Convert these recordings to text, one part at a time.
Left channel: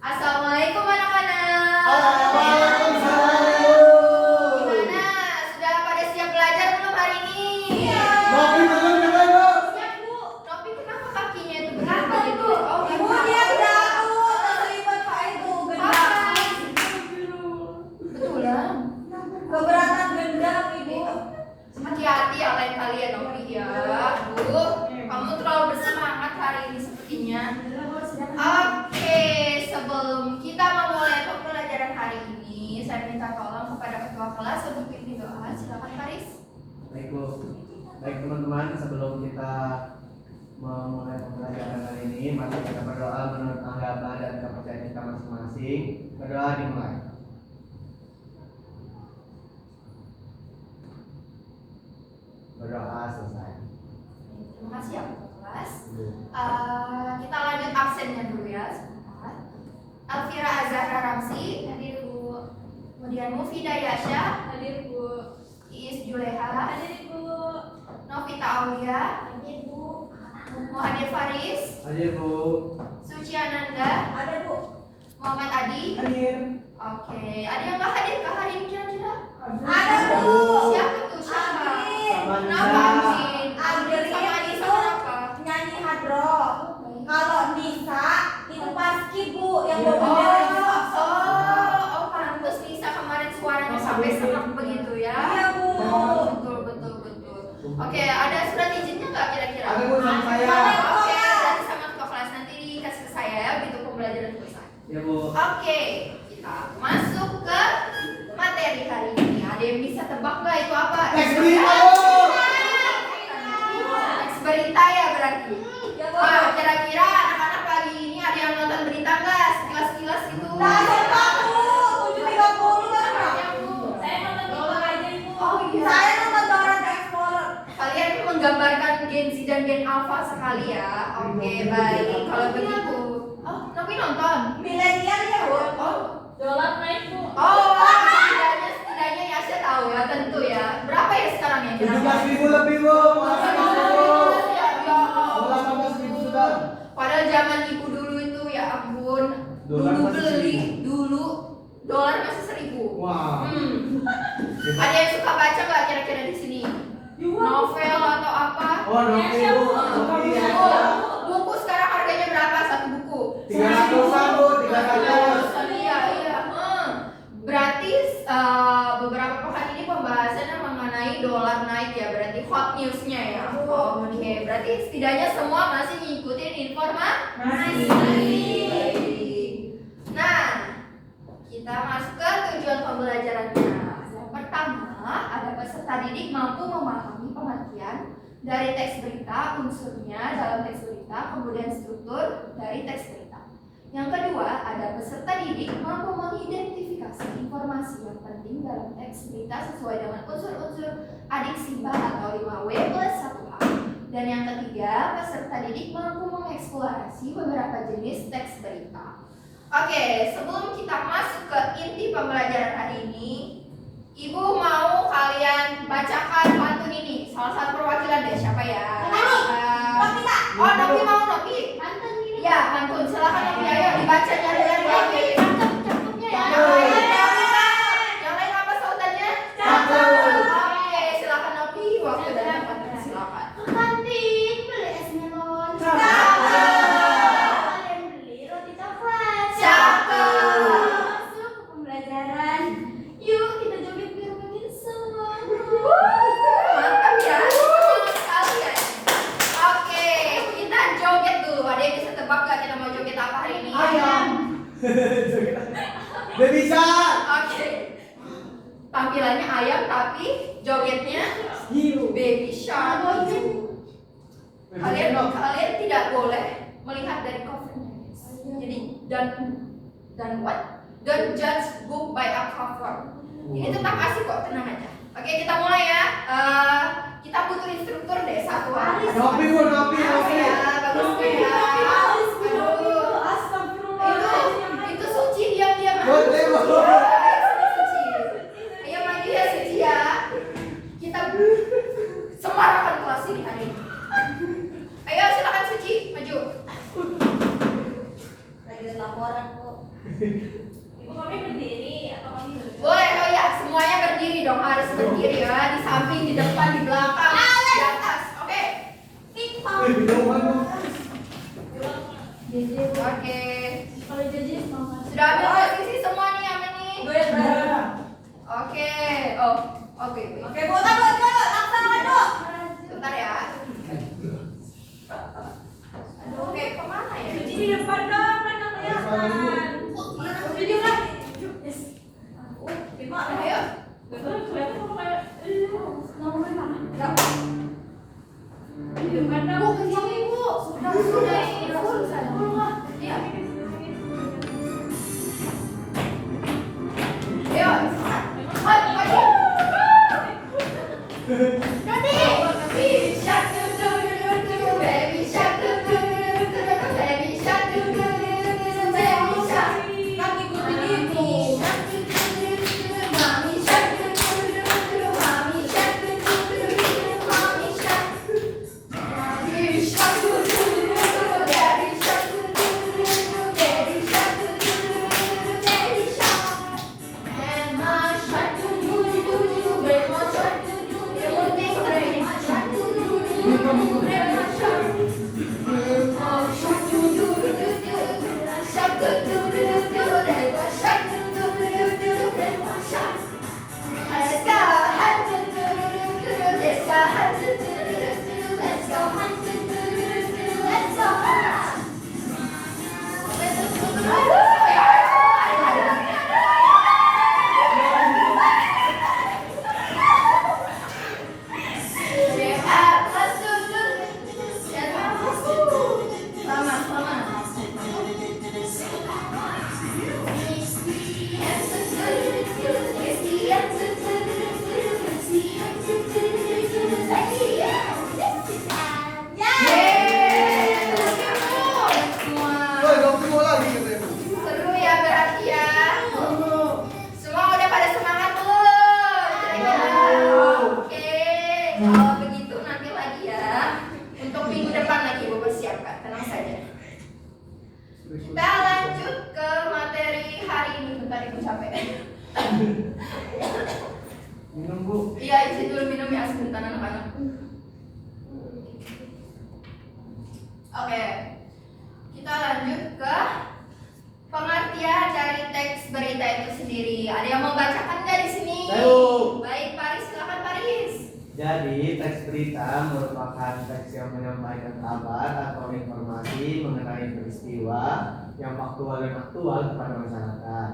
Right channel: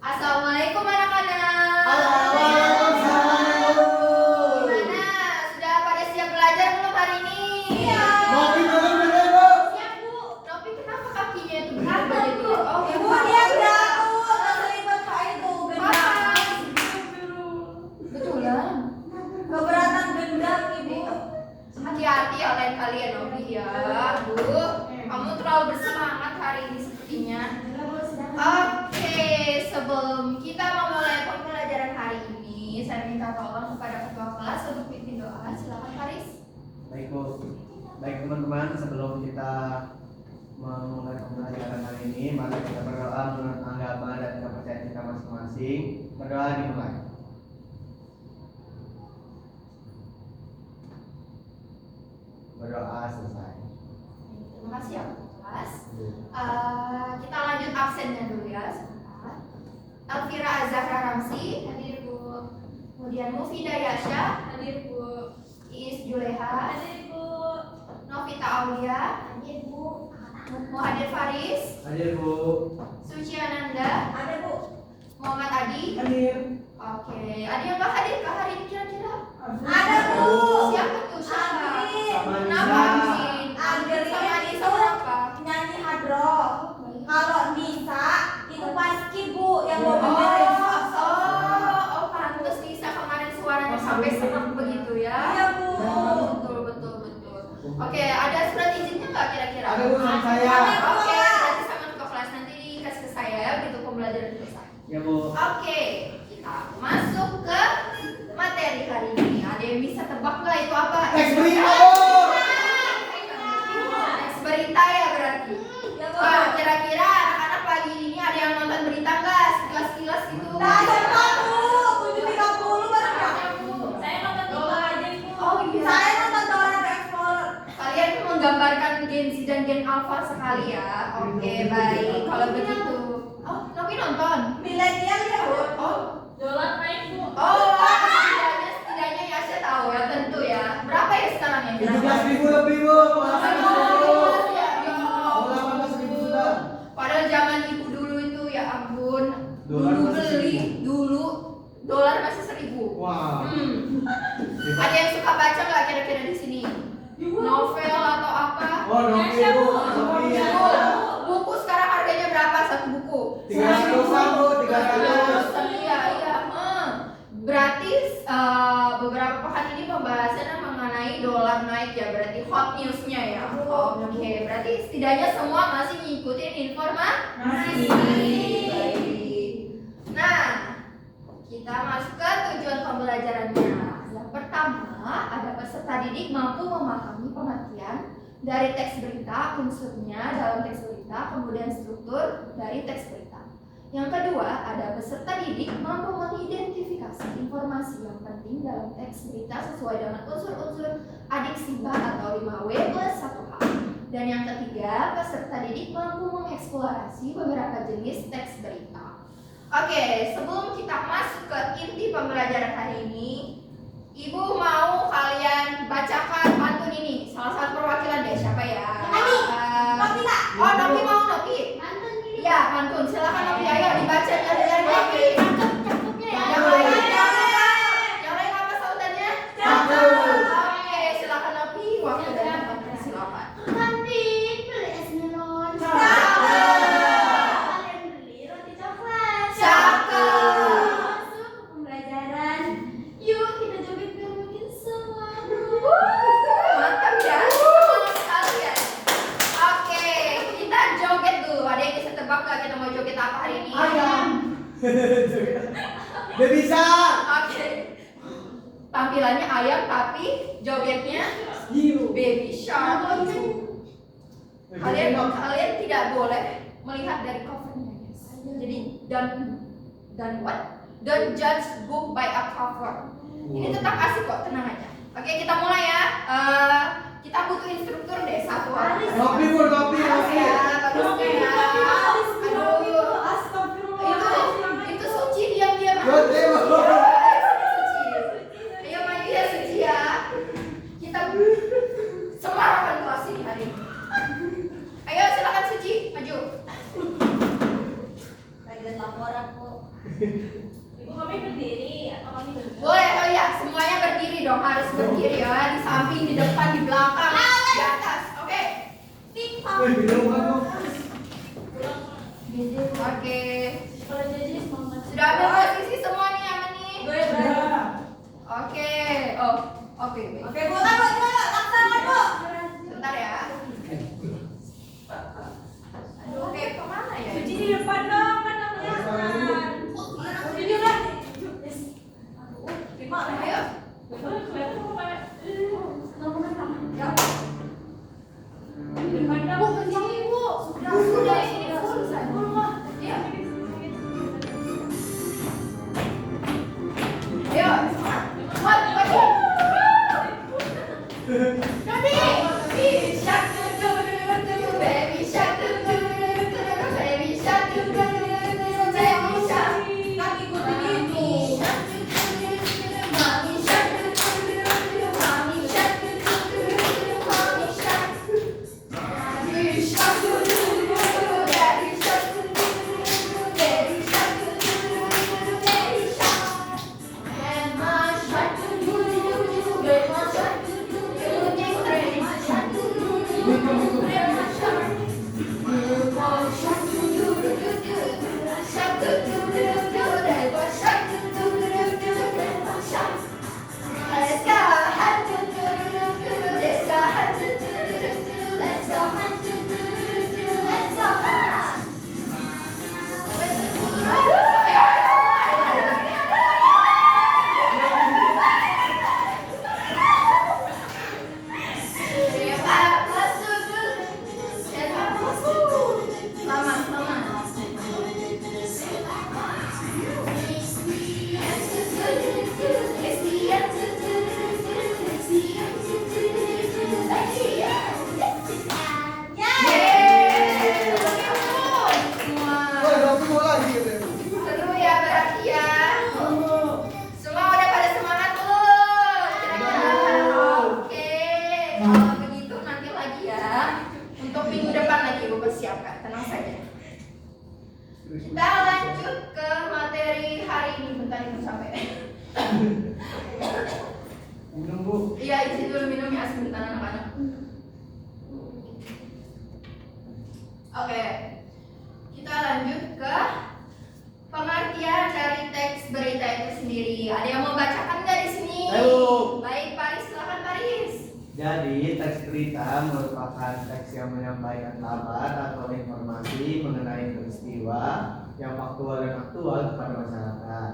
Assalamualaikum anak-anak. Waalaikumsalam. Gimana? Sudah pada siap belajar belum hari ini? Iya. Nopi belum Bu. Siap Bu. Nopi kenapa kakinya itu Kenapa berat itu? gitu? Oh, Ibu dia jatuh terselipet Pak itu gendang. Betulan. Keberatan gendang Ibu. Hati-hati ya lain kali ya Nopi ya. Aduh, kamu terlalu bersemangat hari ini sepertinya. Oke, sebelum kita memulai pembelajaran hari ini, saya minta tolong kepada ketua kelas untuk pimpin doa. Silakan Faris. Baik Bu. Baik teman-teman, sebelum kita memulai pembelajaran kali ini, mari kita berdoa menurut agama dan kepercayaan kita masing-masing. Berdoa dimulai. Berdoa selesai. Terima kasih ya ketua kelas. Kita lanjut absennya dulu ya sebentar. Elvira Azahra Ramsi, hadir Bu. Kemudian Mufidah Yasha, hadir Bu. Iis Juleha, hadir Bu. Novita Aulia, hadir Bu. Muhadir Faris, Hadir Bu. Suci Ananda, Ada Bu. Muhammad Adi. Hadir. Oke, ada yang nggak hadir kah hari ini kira-kira? Ada Bu. Siapa tuh? Siapa? Agrin. Sama Kenapa Nisa. Agrin? Agrin Sama Nisa itu kenapa? nyanyi hadro. Kalau Nisa itu paski Bu yang mau Oh, benerin. pantes Nisa kemarin suaranya sampai serak begitu ya. Iya Bu. Betul. Oke, ada surat izinnya nggak kira-kira? Ada Bu sama saya. Oke, berarti sama ketua kelas nanti dikasih ke saya ya begitu pembelajaran selesai. Ya Bu. Oke, kita masuk ke materi hari ini. Ada yang bisa tebak nggak itu apa? Teks berita Bu. Teks berita ya berarti. Ya Bu. Wah, kira-kira anak-anak pagi ini ada yang nonton berita nggak? Sekilas-sekilas gitu. Nah, jam Bu. 7.30 bareng Kak. Saya nonton bola aja itu. Oh iya. Saya nonton Dora the Explorer. Kalian ini menggambarkan Gen Z dan Gen Alpha sekali ya. Oke, baik. Kalau begitu. Oh, Nopi nonton. Milenial ya Bu. Oh, Dolar naik Bu. setidaknya ya saya tahu ya, tentu ya. Berapa ya sekarang ya? 17.000 lebih Bu. Ya, Mau 18.000 sudah. Padahal zaman ibu dulu itu ya ampun. Dolar Dulu masih beli 1.000. dulu dolar masih 1.000. Wah. Ada yang suka baca nggak kira-kira di sini? Novel atau apa? Oh, Nopi Bu. Nopi ya. Buku sekarang harganya berapa satu buku? 300-an Bu, 300. Iya. Berarti beberapa pekan ini pembahasannya mengenai dolar naik ya, berarti hot newsnya ya. Oke, berarti setidaknya semua masih ngikutin informasi. Nah, kita masuk ke tujuan pembelajarannya. Yang pertama, ada peserta didik mampu memahami pengertian dari teks berita, unsurnya dalam teks berita, kemudian struktur dari teks berita. Yang kedua, ada peserta didik mampu mengidentifikasi informasi yang penting dalam teks berita sesuai dengan unsur-unsur adiksiba atau 5W+1H. Dan yang ketiga, peserta didik mampu mengeksplorasi beberapa jenis teks berita. Oke, sebelum kita masuk ke inti pembelajaran hari ini, Ibu mau kalian bacakan pantun ini. Salah satu perwakilan deh, siapa ya? Nopi Kak. Oh, Nopi mau Nopi. Pantun ini. Ya, pantun. Silakan Nopi, ayo dibacanya dengan Nopi. Cakepnya ya. Yang lain apa sautannya? Oke, silakan Nopi. Waktu dan tempatnya silakan. Kantin beli es melon. Kalian beli roti coklat. Cakep. Masuk ke pembelajaran. Yuk kita joget biar makin semangat. Mantap ya. Semangat sekali ya. Oke, kita joget dulu. Ada yang bisa tebak gak kita mau joget apa hari ini? Ayam. Udah bisa. Oke. Tampilannya ayam tapi jogetnya baby shark. Kalian tidak boleh melihat dari covernya. Jadi dan what? Don't judge book by a cover. Ini tetap asik kok, tenang aja. Oke, kita mulai ya. Kita butuh instruktur deh satu orang. Nopi Bu, Nopi. Ya, bagus ya. Aduh, itu Suci diam-diam. Nopi Bu. Suci. Ayo maju ya Suci ya. Kita semarakan kelas ini hari ini. Ayo silakan Suci maju. Lagi laporan Bu. Ibu kami berdiri atau kami duduk? Boleh, oh iya, semuanya berdiri dong, harus berdiri ya, di samping, di depan, di belakang, di atas, oke? Minuman dong. Oke, Kalau jadi semangat. sudah ambil posisi semua nih, aman nih? Oke, oh, oke, baik. Oke, Bu, taruh, laksana, Bu. Bentar ya. Aduh, oke, kemana ya? Cuci di depan dong, kan nggak kelihatan. Video kan? Gimana? Ayo. Betul, kelihatan kok kayak nomornya mana? Di depan dong. Bu, ke sini, Bu. Sudah ini full saya. Iya. Ayo. Cepat, cepat. Baby shark, baby shark, baby shark, baby shark. Kan ikutin itu. Mommy shark, mommy shark, mommy shark. Daddy shark, daddy shark, daddy shark, daddy shark. And my shark, baby my shark, baby my shark, baby my shark. Seru ya berarti ya. Semua udah pada semangat belum? Kira-kira? Oke. Kalau begitu nanti lagi ya. Untuk minggu depan lagi ibu persiapkan. Tenang saja. Kita lanjut ke materi hari ini. Bentar ibu capek. Minum, Bu. Iya, izin dulu minum ya sebentar anak-anak. Oke. Kita lanjut ke pengertian dari teks berita itu sendiri. Ada yang mau bacakan nggak di sini? Ayo. Baik, Paris, silakan Paris. Jadi, teks berita merupakan teks yang menyampaikan kabar atau informasi mengenai peristiwa yang faktual dan aktual kepada masyarakat.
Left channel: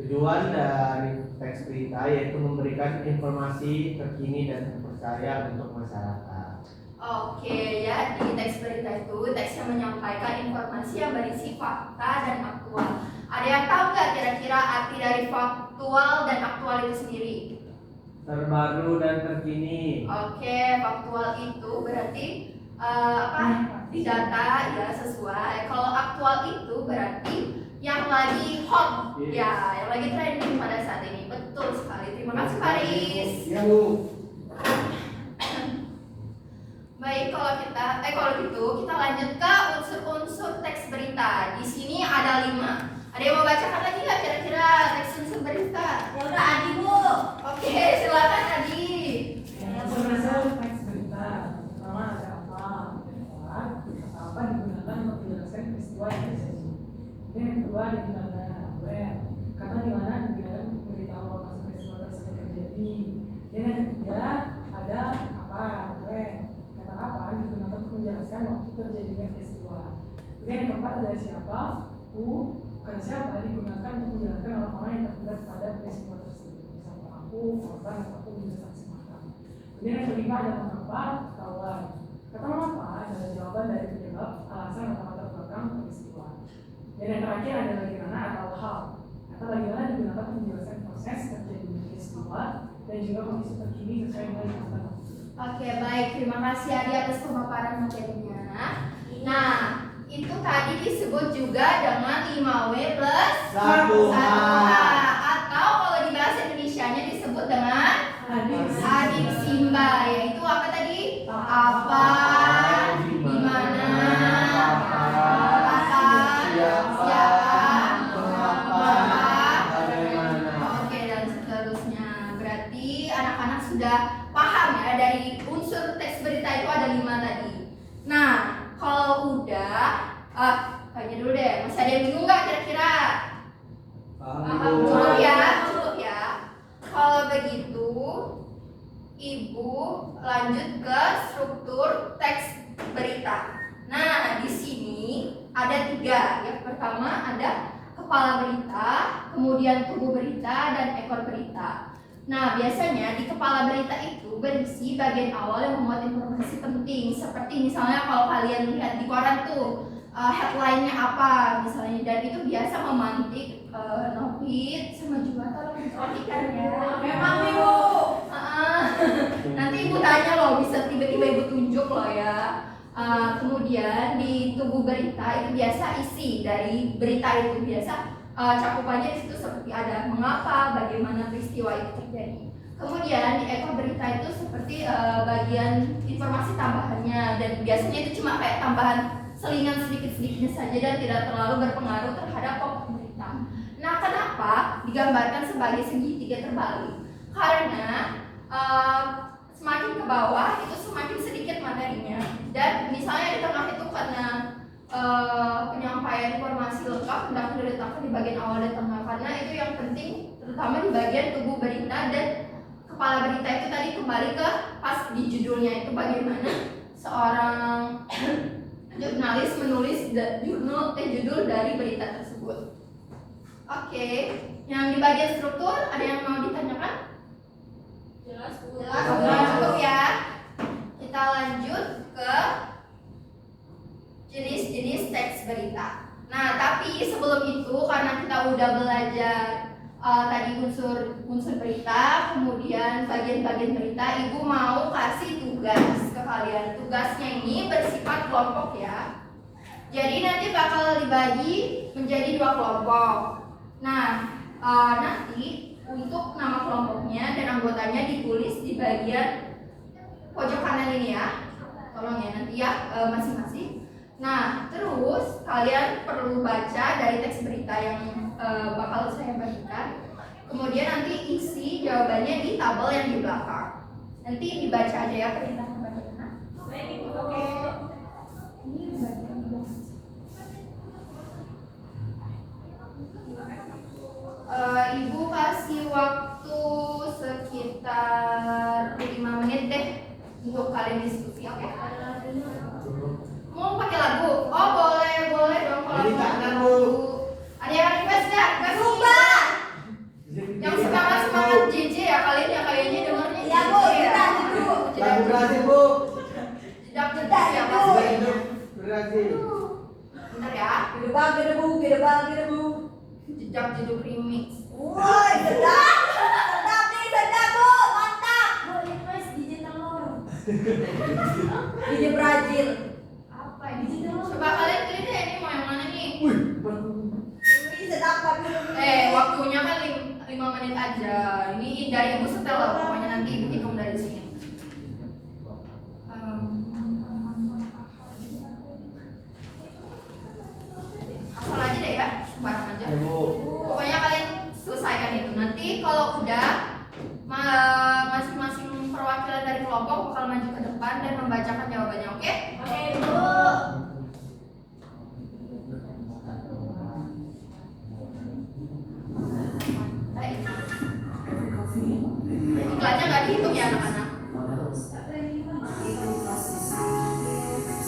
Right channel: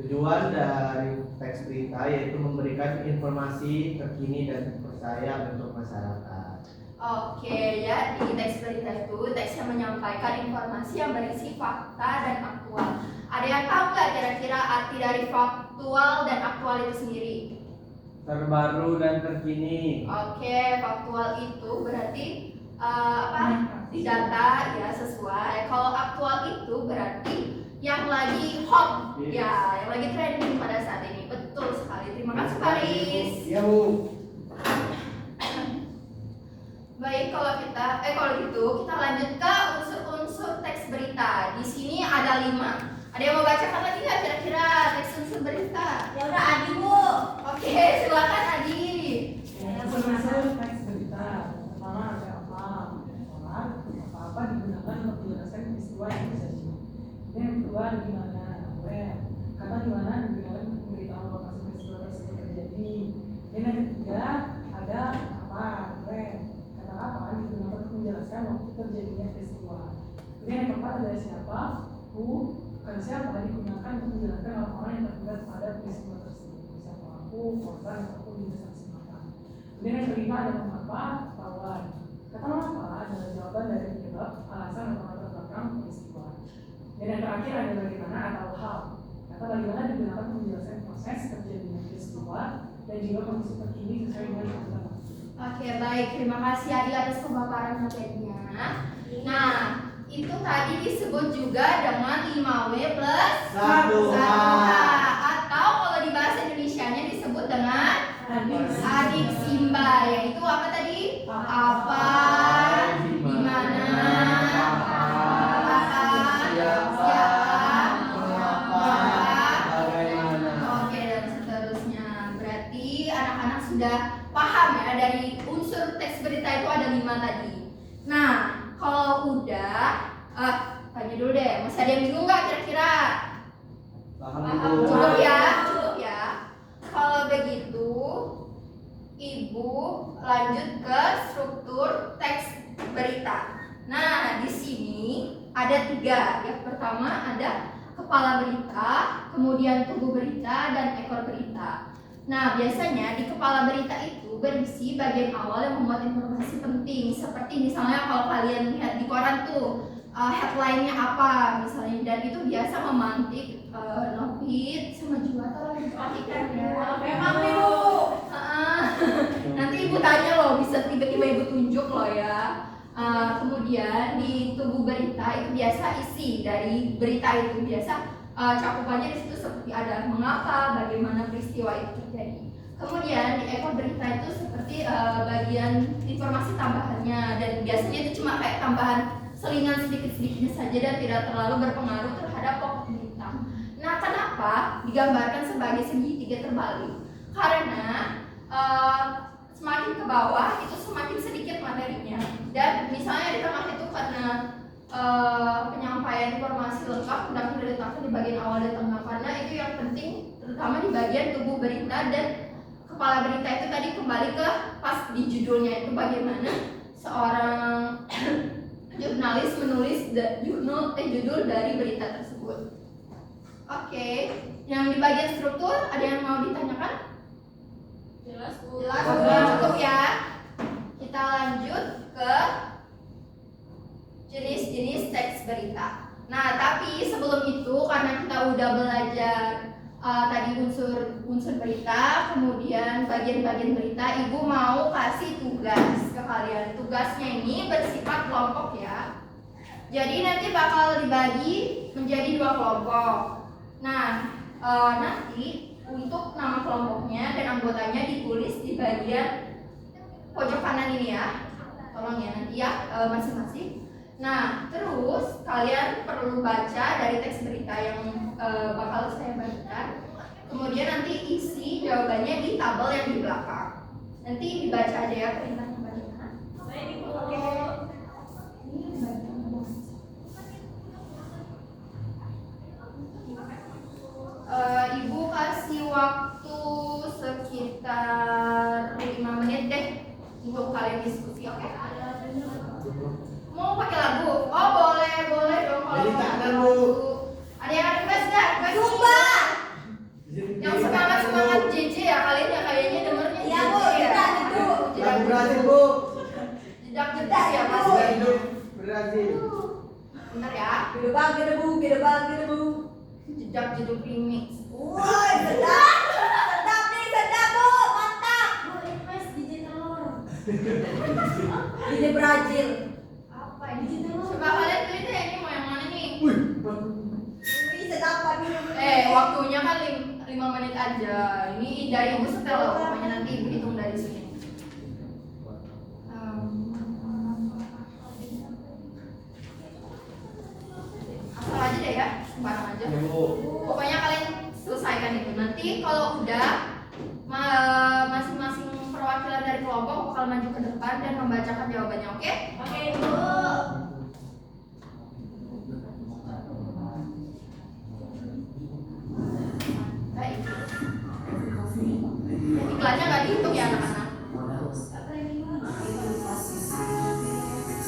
Tujuan dari teks berita yaitu memberikan informasi terkini dan terpercaya untuk masyarakat. Oke, ya di teks berita itu teks yang menyampaikan informasi yang berisi fakta dan aktual. Ada yang tahu nggak kira-kira arti dari faktual dan aktual itu sendiri? Terbaru dan terkini. Oke, faktual itu berarti data ya sesuai. Kalau aktual itu berarti yang lagi hot, ya, yang lagi trending pada saat ini. Betul sekali. Terima kasih Paris. Iya, Bu. Baik, kalau gitu kita lanjut ke unsur-unsur teks berita. Di sini ada 5. Ada yang mau bacakan lagi nggak kira-kira teks unsur berita? Ya udah, Adi, Bu. Oke, silakan Adi. Unsur teks berita pertama ada apa, apa digunakan untuk menjelaskan peristiwa yang terjadi. Dan yang kedua ada di mana, where, kata di mana digunakan untuk memberitahu lokasi peristiwa tersebut terjadi. Dan yang ketiga ada apa, where, kata apa digunakan untuk menjelaskan waktu terjadinya peristiwa. Dan yang keempat ada siapa, who, kata siapa digunakan untuk menjelaskan orang-orang yang terlibat pada peristiwa tersebut. Bisa pelaku, korban, ataupun juga saksi mata. Kemudian yang kelima ada mengapa, ketahuan. Kata mengapa adalah jawaban dari penyebab, alasan atau latar belakang peristiwa. Dan yang terakhir ada bagaimana atau how. Kata bagaimana digunakan untuk menjelaskan proses terjadinya peristiwa dan juga kondisi terkini sesuai dengan tuntutan waktu. Oke, baik. Terima kasih Adi atas pemaparan materinya. Nah, itu tadi disebut juga dengan 5W plus 1H. atau kalau di bahasa Indonesianya disebut dengan Adik. adik Simba, yaitu apa tadi? Apa, di mana, kapan, siapa, kepala berita, kemudian tubuh berita, dan ekor berita. Nah, biasanya di kepala berita itu berisi bagian awal yang memuat informasi penting, seperti misalnya kalau kalian lihat di koran tuh headline-nya apa misalnya, dan itu biasa memantik Novit sama Juwita lagi perhatikan ya. Memang nih Bu. Nanti ibu tanya loh, bisa tiba-tiba ibu tunjuk loh ya. Kemudian di tubuh berita itu biasa isi dari berita itu biasa cakupannya di situ seperti ada mengapa, bagaimana peristiwa itu terjadi. Kemudian di ekor berita itu seperti bagian informasi tambahannya, dan biasanya itu cuma kayak tambahan selingan sedikit-sedikitnya saja dan tidak terlalu berpengaruh terhadap pokok berita. Nah, kenapa digambarkan sebagai segitiga terbalik? Karena semakin ke bawah itu semakin sedikit materinya, dan misalnya di tengah itu karena penyampaian informasi lengkap hendak diletakkan di bagian awal dan tengah, karena itu yang penting terutama di bagian tubuh berita, dan kepala berita itu tadi kembali ke pas di judulnya itu bagaimana seorang jurnalis menulis judul dari berita tersebut. Oke, yang di bagian struktur ada yang mau ditanyakan? Jelas Bu. Jelas. Cukup ya. Kita lanjut ke jenis-jenis teks berita. Nah, tapi sebelum itu karena kita udah belajar tadi unsur berita, kemudian bagian-bagian berita, ibu mau kasih tugas ke kalian. Tugasnya ini bersifat kelompok ya. Jadi nanti bakal dibagi menjadi 2 kelompok. Nah, nanti untuk nama kelompoknya dan anggotanya ditulis di bagian pojok kanan ini ya. Tolong ya nanti ya masing-masing. Nah, terus kalian perlu baca dari teks berita yang bakal saya bagikan. Kemudian nanti isi jawabannya di tabel yang di belakang. Nanti dibaca aja ya perintahnya bagaimana. Baik Bu. Ini bagian ibu kasih waktu sekitar 5 menit deh untuk kalian diskusi, oke? Mau pakai lagu? Oh boleh dong kalau Jadi mau tak pakai kan, lagu. Bu. Ada yang request nggak? Zumba. Yang semangat JJ ya kalian ya kayaknya dengernya Iya Bu, kita dulu. Lagu Brazil, Bu. Jedak ya mas. Sudah hidup Brazil. Bener ya. Gedebang, gedebu. Jejak jeduk remix. Woi, sedap. Sedap nih, sedap Bu. Mantap. Bu, ini Mas DJ telur. DJ Brazil. Apa ini? Coba kalian pilih deh ini mau yang mana nih? Wih, Ini sedap dulu. Waktunya kan 5 menit aja. Ini dari ibu setel loh, pokoknya nanti ibu hitung dari sini. Asal aja deh ya, sembarang aja. ya, Bu. Pokoknya kalian selesaikan itu. Nanti kalau udah masing-masing perwakilan dari kelompok bakal maju ke depan dan membacakan jawabannya, oke? Oke Bu. Baik. Iklannya nggak dihitung ya anak-anak.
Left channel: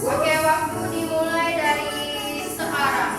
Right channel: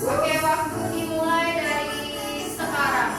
Oke, waktu dimulai dari sekarang.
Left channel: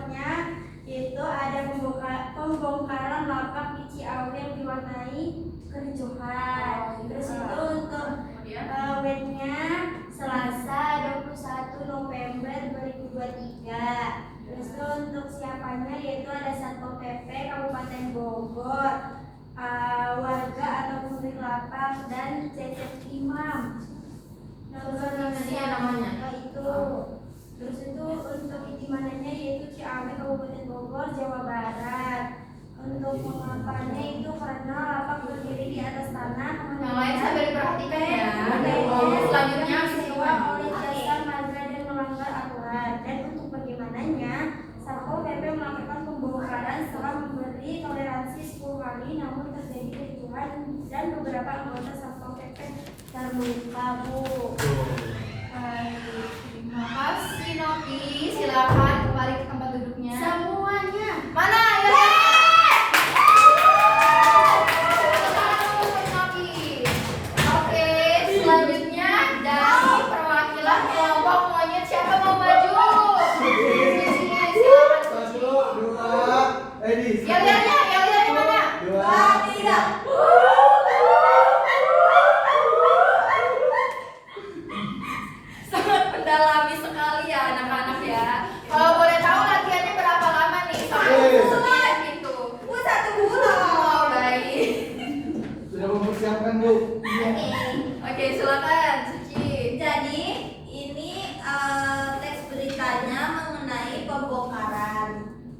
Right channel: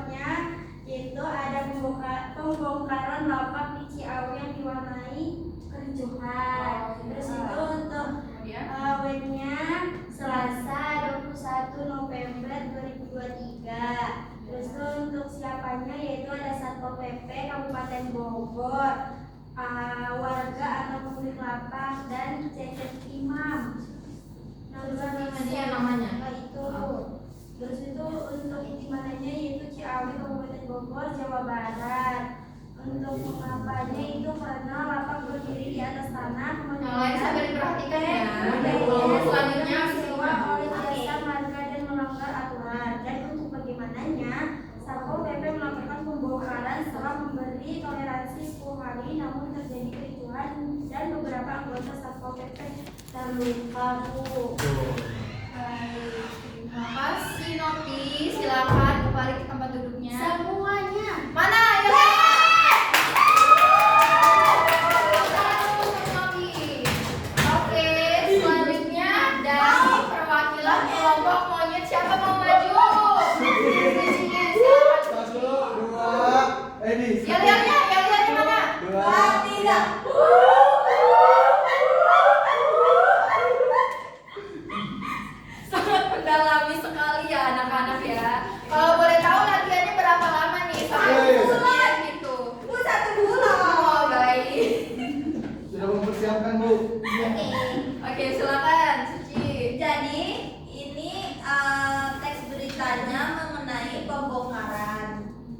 contohnya itu ada pembongkaran lapak di Ciawi yang diwarnai kericuhan. Terus itu untuk wetnya Selasa 21 November 2023. Terus itu untuk siapanya yaitu ada Satpol PP Kabupaten Bogor, warga atau pemilik lapak dan CC Imam. namanya. Itu. Terus itu untuk intimannya yaitu Ciawi Kabupaten Bogor, Jawa Barat. Untuk mengapanya itu karena lapak berdiri di atas tanah. Yang lain sambil diperhatikan ya. Selanjutnya Selanjutnya sewa oleh jasa marga dan melanggar aturan. Dan untuk bagaimananya Satpol PP melakukan pembongkaran setelah memberi toleransi 10 hari, namun terjadi kericuhan dan beberapa anggota Satpol PP terluka, Bu. Terima kasih Novi. Silakan kembali ke tempat duduknya. Semuanya. Mana ya? Oke, selanjutnya dari perwakilan kelompok monyet siapa mau maju? Satu, dua, Edi. Ya lihatnya mana? Dua, tiga. Sangat mendalami sekali ya anak-anak ya. Kalau boleh tahu latihannya berapa lama nih? Sampai bulan gitu. 1 bulan. Oh, baik. Sudah mempersiapkan, Bu. Oke, silakan Suci. Jadi ini teks beritanya mengenai pembongkaran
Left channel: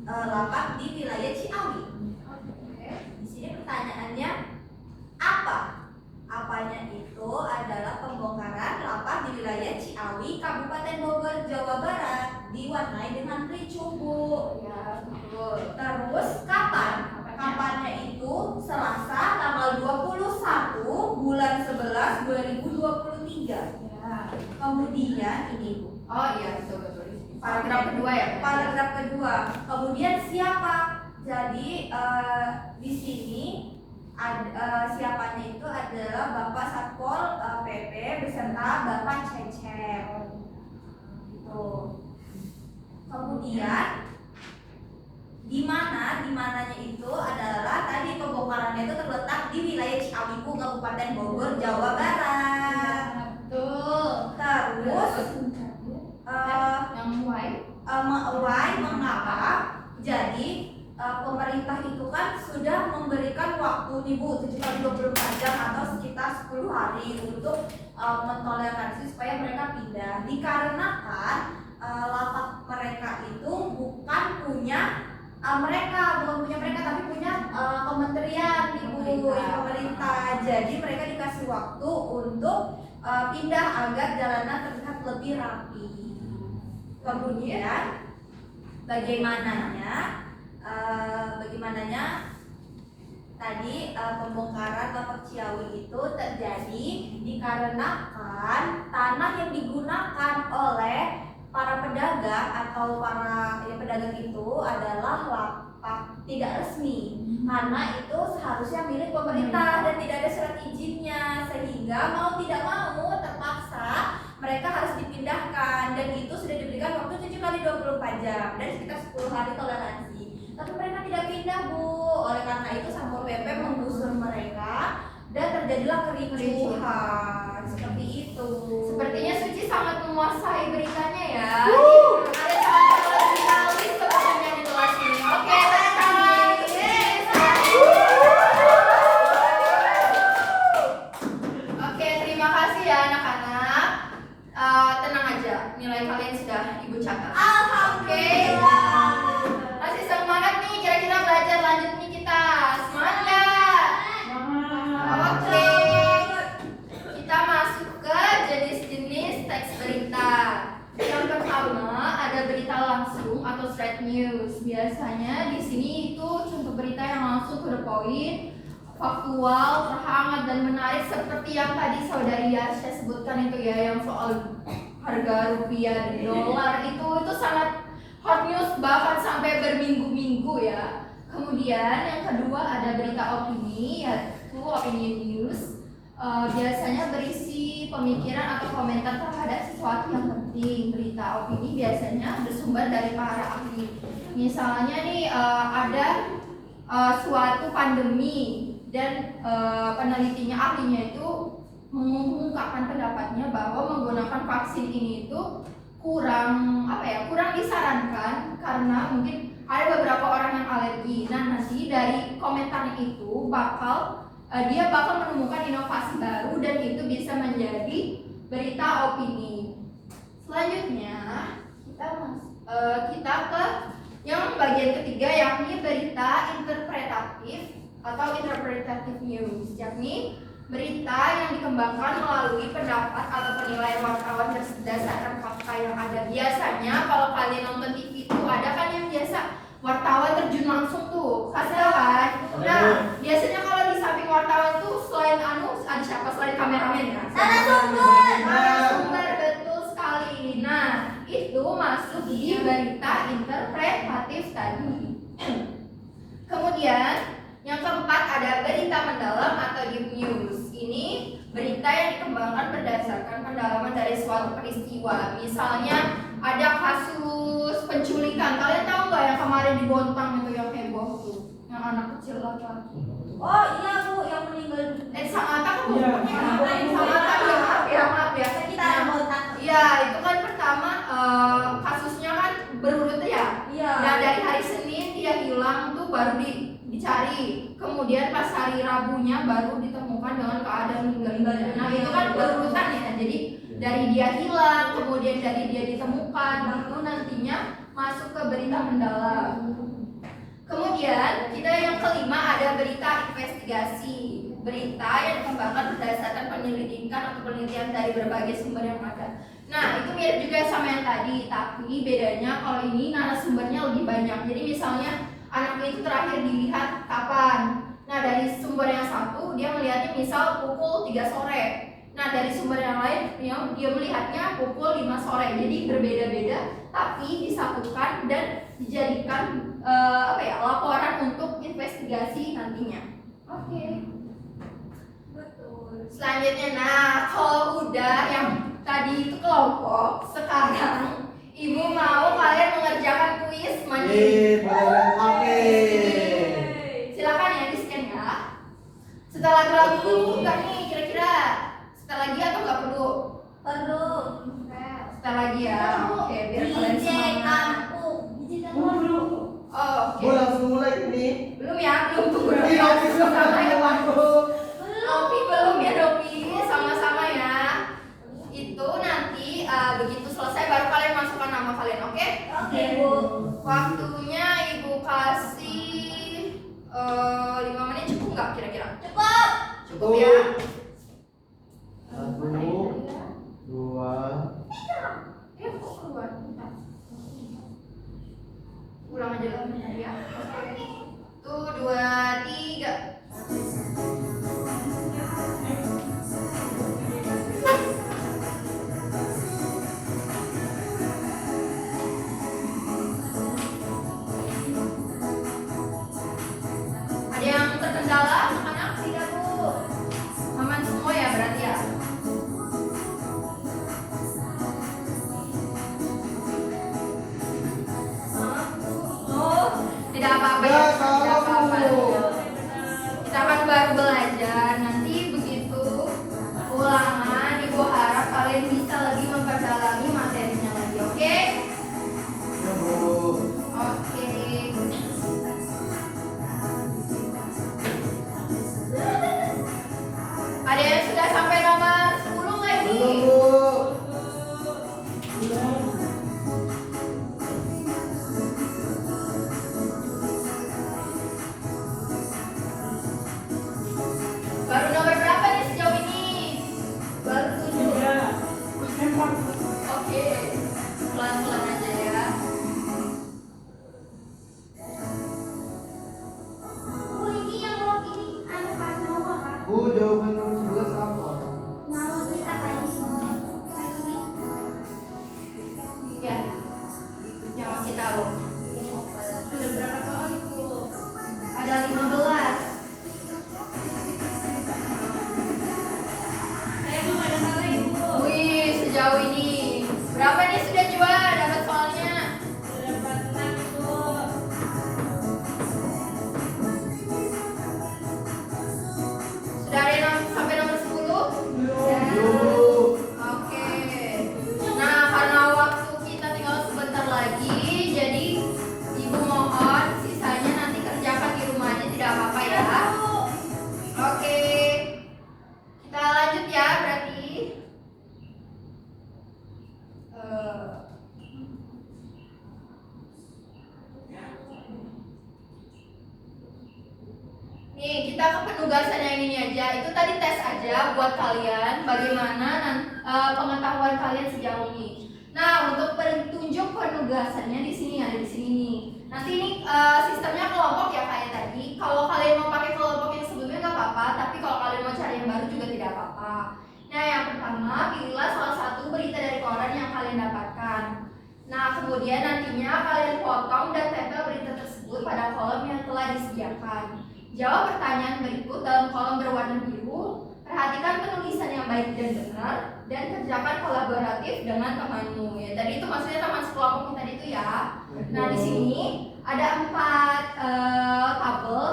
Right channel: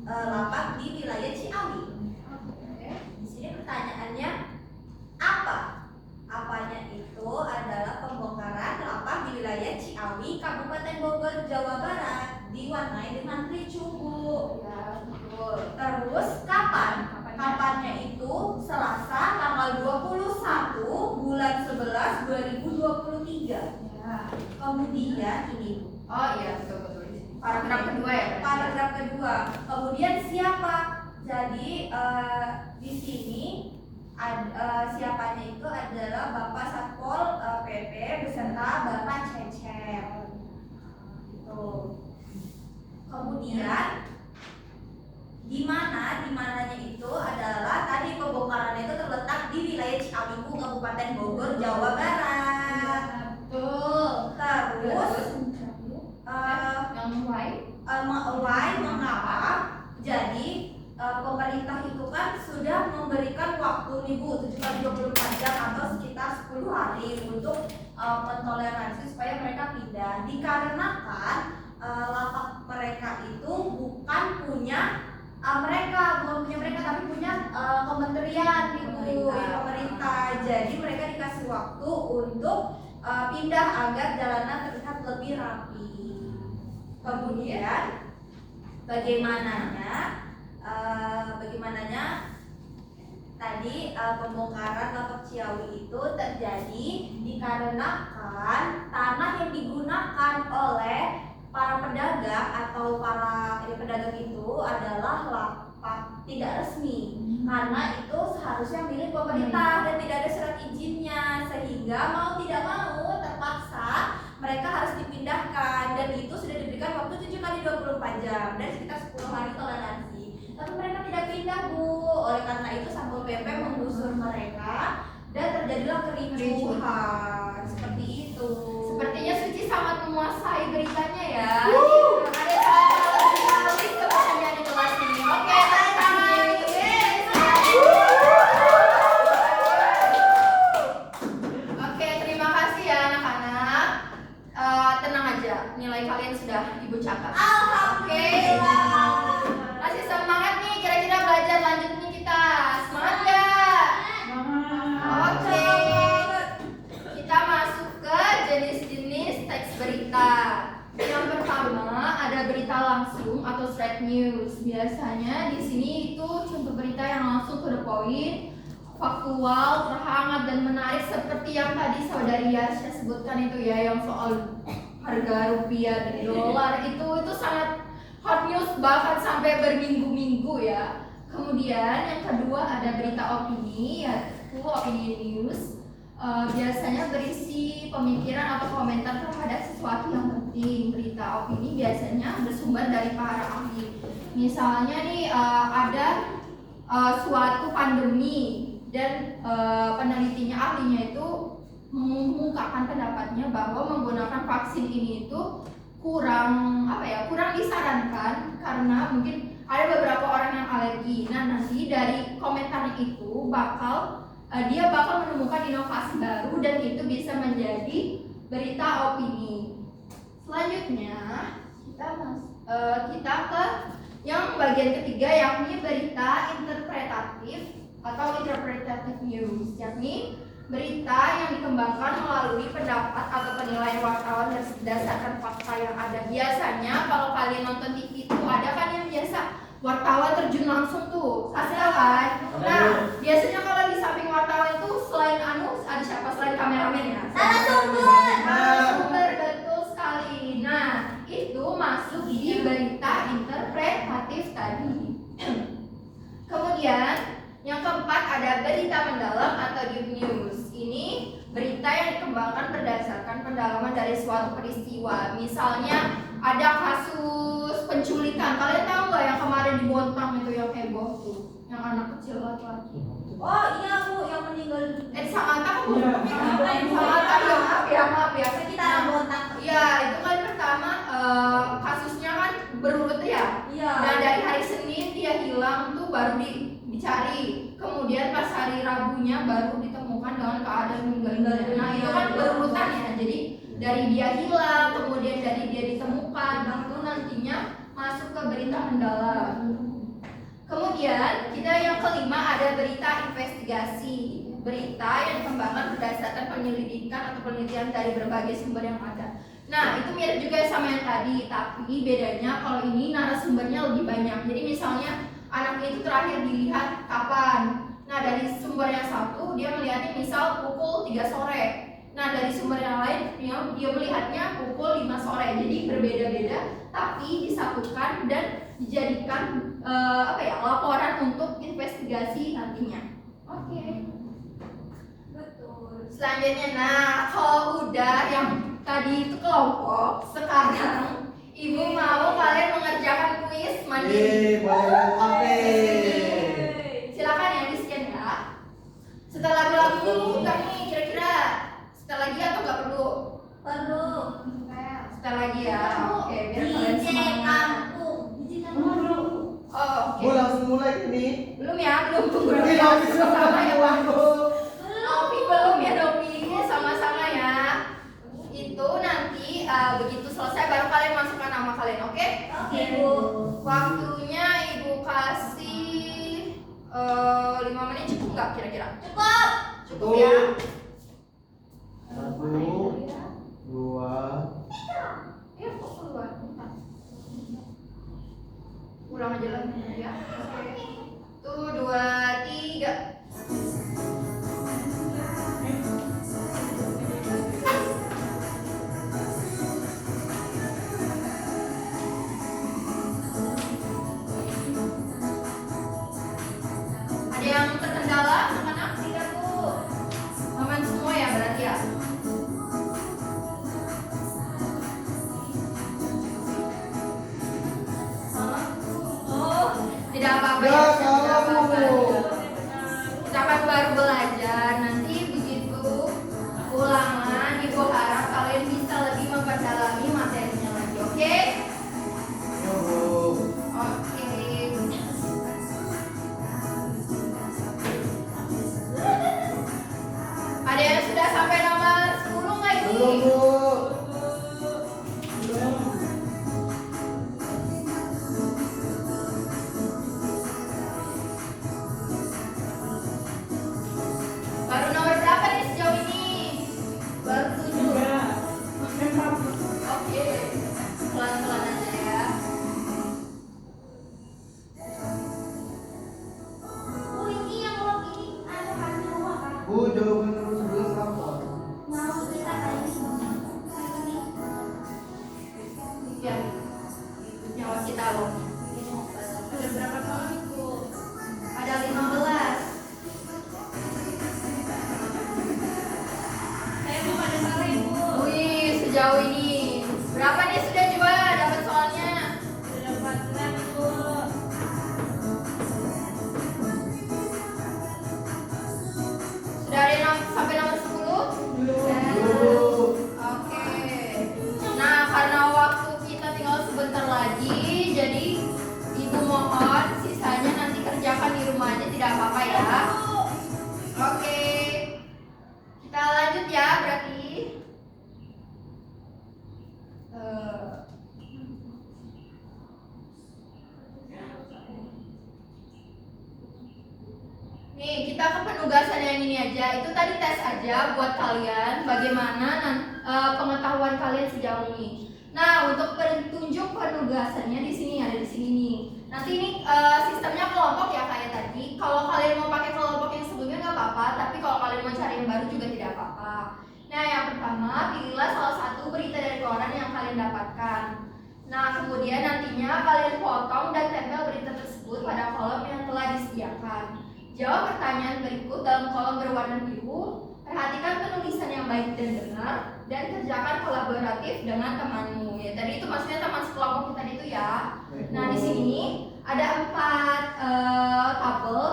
lapak di wilayah Ciawi. Di sini pertanyaannya apa? Apanya itu adalah pembongkaran lapak di wilayah Ciawi, Kabupaten Bogor, Jawa Barat, diwarnai dengan ricuh, Bu. Ya, betul. Terus kapan? Kapannya itu Selasa tanggal 21 bulan 11 2023. Ya. Kemudian ini Bu, Oh iya, betul. Paragraf kedua ya. paragraf kedua. Kemudian siapa? Jadi di sini siapanya itu adalah Bapak Satpol PP beserta Bapak Cecep. Tuh. Kemudian dimananya itu adalah tadi pembongkarannya itu terletak di wilayah Ciawi, Kabupaten Bogor, Jawa Barat. Betul. Terus Yang why? why mengapa? Jadi pemerintah itu kan sudah memberikan waktu nih Bu, 7x24 jam atau sekitar 10 hari untuk mentoleransi supaya mereka pindah. Dikarenakan lapak mereka itu bukan punya mereka tapi punya kementerian nih Bu, pemerintah. Jadi mereka dikasih waktu untuk pindah agar jalanan terlihat lebih rapi. Kemudian bagaimananya tadi pembongkaran lapak Ciawi itu terjadi dikarenakan tanah yang digunakan oleh para pedagang atau para pedagang itu adalah lapak tidak resmi, karena itu seharusnya milik pemerintah dan tidak ada surat izinnya, sehingga mau tidak mau terpaksa mereka harus dipindahkan, dan itu sudah diberikan waktu 7x24 jam dan sekitar 10 hari toleransi. Tapi mereka tidak pindah Bu, oleh karena itu Satpol PP menggusur mereka dan terjadilah kericuhan seperti itu. Sepertinya Suci sangat menguasai beritanya ya. Ada salah jurnalis sepertinya di kelas ini. Oke, Oke, terima kasih ya anak-anak. Tenang aja, nilai kalian sudah Ibu catat. Alhamdulillah. Masih semangat nih, kira-kira belajar lanjut nih kita. Semangat nggak? Oke. Kita masuk ke jenis-jenis teks berita. Yang pertama ada berita langsung atau straight news. Biasanya di sini itu contoh berita yang langsung to the point, faktual, terhangat dan menarik seperti yang tadi saudari Yasha sebutkan itu ya, yang soal harga rupiah dan dolar itu sangat hot news bahkan sampai berminggu-minggu ya. Kemudian yang kedua ada berita opini, yaitu opinion news. biasanya berisi pemikiran atau komentar terhadap sesuatu yang penting. Berita opini biasanya bersumber dari para ahli. Misalnya nih ada suatu pandemi dan penelitinya ahlinya itu mengungkapkan pendapatnya bahwa menggunakan vaksin ini itu kurang disarankan karena mungkin ada beberapa orang yang alergi. Nah, nanti dari komentarnya itu dia bakal menemukan inovasi baru dan itu bisa menjadi berita opini. Selanjutnya kita ke yang bagian ketiga, yakni berita interpretatif atau interpretative news, yakni berita yang dikembangkan melalui pendapat atau penilaian wartawan berdasarkan fakta yang ada. Biasanya kalau kalian nonton TV itu ada kan yang biasa wartawan terjun langsung tuh, kasih kan? Nah, biasanya kalau di samping wartawan itu selain ada siapa selain kameramen ya? Narasumber, betul sekali. Nah, itu masuk di berita interpretatif tadi. Kemudian yang keempat ada berita mendalam atau deep news. Ini berita yang dikembangkan berdasarkan pendalaman dari suatu peristiwa. Misalnya ada kasus penculikan. Kalian tahu nggak yang kemarin di Bontang itu yang heboh tuh, yang anak kecil laki-laki. Oh iya Bu, yang meninggal. Sangatta kan? Sangatta ya, maaf ya. Sekitar Bontang. Iya, itu kan pertama kasusnya kan berurut ya. Iya. Nah, dari hari Senin dia hilang tuh baru dicari. Kemudian pas hari Rabunya baru ditemukan dengan keadaan meninggal. Nah, itu kan berurutan ya. Jadi dari dia hilang, kemudian dari dia ditemukan, itu nantinya masuk ke berita mendalam. Kemudian kita yang kelima ada berita investigasi. Berita yang dikembangkan berdasarkan penyelidikan atau penelitian dari berbagai sumber yang ada. Nah, itu mirip juga sama yang tadi, tapi bedanya kalau ini narasumbernya lebih banyak. Jadi misalnya anak itu terakhir dilihat kapan. Nah, dari sumber yang satu dia melihatnya misal pukul 3 sore. Nah, dari sumber yang lain dia melihatnya pukul 5 sore. Jadi berbeda-beda tapi disatukan dan dijadikan laporan untuk investigasi nantinya. Oke. Betul. Selanjutnya, nah kalau udah yang tadi itu kelompok, sekarang Ibu mau kalian mengerjakan kuis mandiri. Silakan ya, di-scan ya. Setelah lagu dulu enggak nih kira-kira? Setelah lagi atau enggak perlu? Perlu. Setelah lagi ya. Oke, biar kalian DJ semangat. kampung. Oh, oke. Gue langsung mulai ini. Belum ya, belum tunggu. Ini Novi sama Novi belum ya, Novi. Sama-sama ya. Itu nanti begitu selesai baru kalian masukkan nama kalian, oke? Oke Bu. Waktunya Ibu kasih 5 menit cukup nggak kira-kira? Cukup. Cukup ya. 1, 2. Ayo kok keluar. Ulang aja lah ya. Tuh 2, 3. Ada yang terkendala anak-anak? Tidak Bu. Aman semua ya berarti ya. Oh, tidak apa-apa ya. Tidak apa-apa. Kita kan baru belajar. Nanti begitu ulangan, Ibu harap kalian bisa lebih memperdalami materinya lagi, oke? Oke. Ada yang sudah sampai nomor 10 nggak ini? Belum, Bu. Baru Nih, kita ke penugasan yang ini aja. Itu tadi tes aja buat kalian bagaimana pengetahuan kalian sejauh ini. Nah, untuk petunjuk penugasannya di sini ada di sini nih. Nanti ini sistemnya kelompok ya kayak tadi. Kalau kalian mau pakai kelompok yang sebelumnya nggak apa-apa, tapi kalau kalian mau cari yang baru juga tidak apa-apa. Nah, yang pertama, pilihlah salah satu berita dari koran yang kalian dapatkan. Nah, kemudian nantinya kalian potong dan tempel berita tersebut pada kolom yang telah disediakan. Jawab pertanyaan berikut dalam kolom berwarna biru. Perhatikan penulisan yang baik dan benar, dan kerjakan kolaboratif dengan temanmu. Ya, tadi itu maksudnya teman sekelompok kita itu ya. Nah, di sini ada 4 tabel.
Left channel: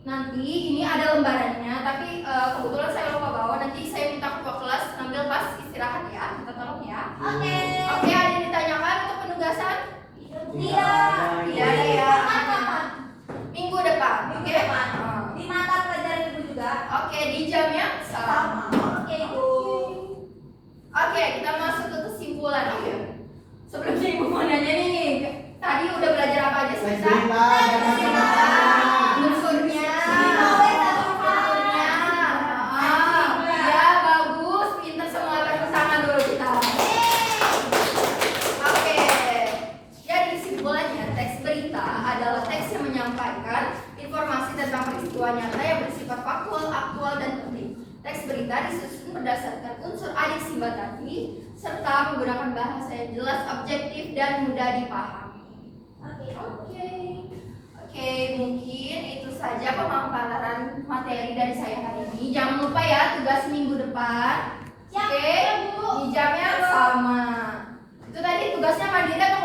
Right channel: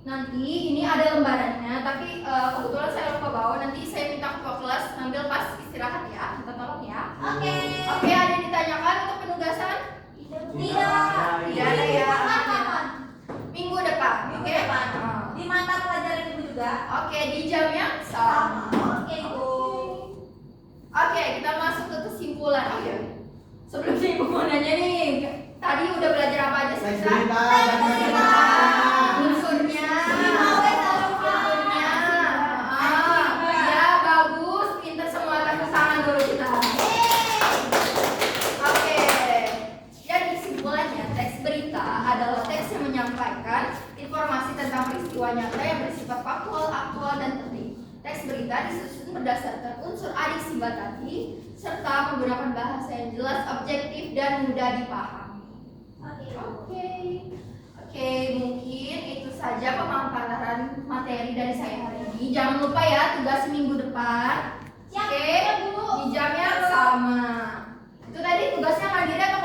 Nanti ini ada lembarannya, tapi kebetulan saya lupa bawa. Nanti saya minta ketua kelas ngambil pas istirahat ya. Minta tolong ya. Oke. Oke, ada yang ditanyakan untuk penugasan? Tidak ya. Kapan? Minggu depan. Minggu Oke. depan. Di mata pelajaran ibu juga. Oke, di jamnya sama. Oke ibu. Oke, kita masuk ke kesimpulan. Oke. Sebelumnya ibu mau nanya nih, tadi udah belajar apa aja sih? Teks berita dan Unsurnya. Ya bagus, pinter semua, tepuk tangan dulu kita. Oke. Jadi kesimpulannya, teks berita adalah teks yang menyampaikan informasi tentang peristiwa nyata yang bersifat faktual, aktual, dan penting. Teks berita disusun berdasarkan unsur adiksi tadi serta menggunakan bahasa yang jelas, objektif, dan mudah dipahami. Oke, mungkin itu saja pemaparan materi dari saya hari ini. Jangan lupa ya tugas minggu depan. Oke, di jamnya sama. Itu tadi tugasnya mandiri atau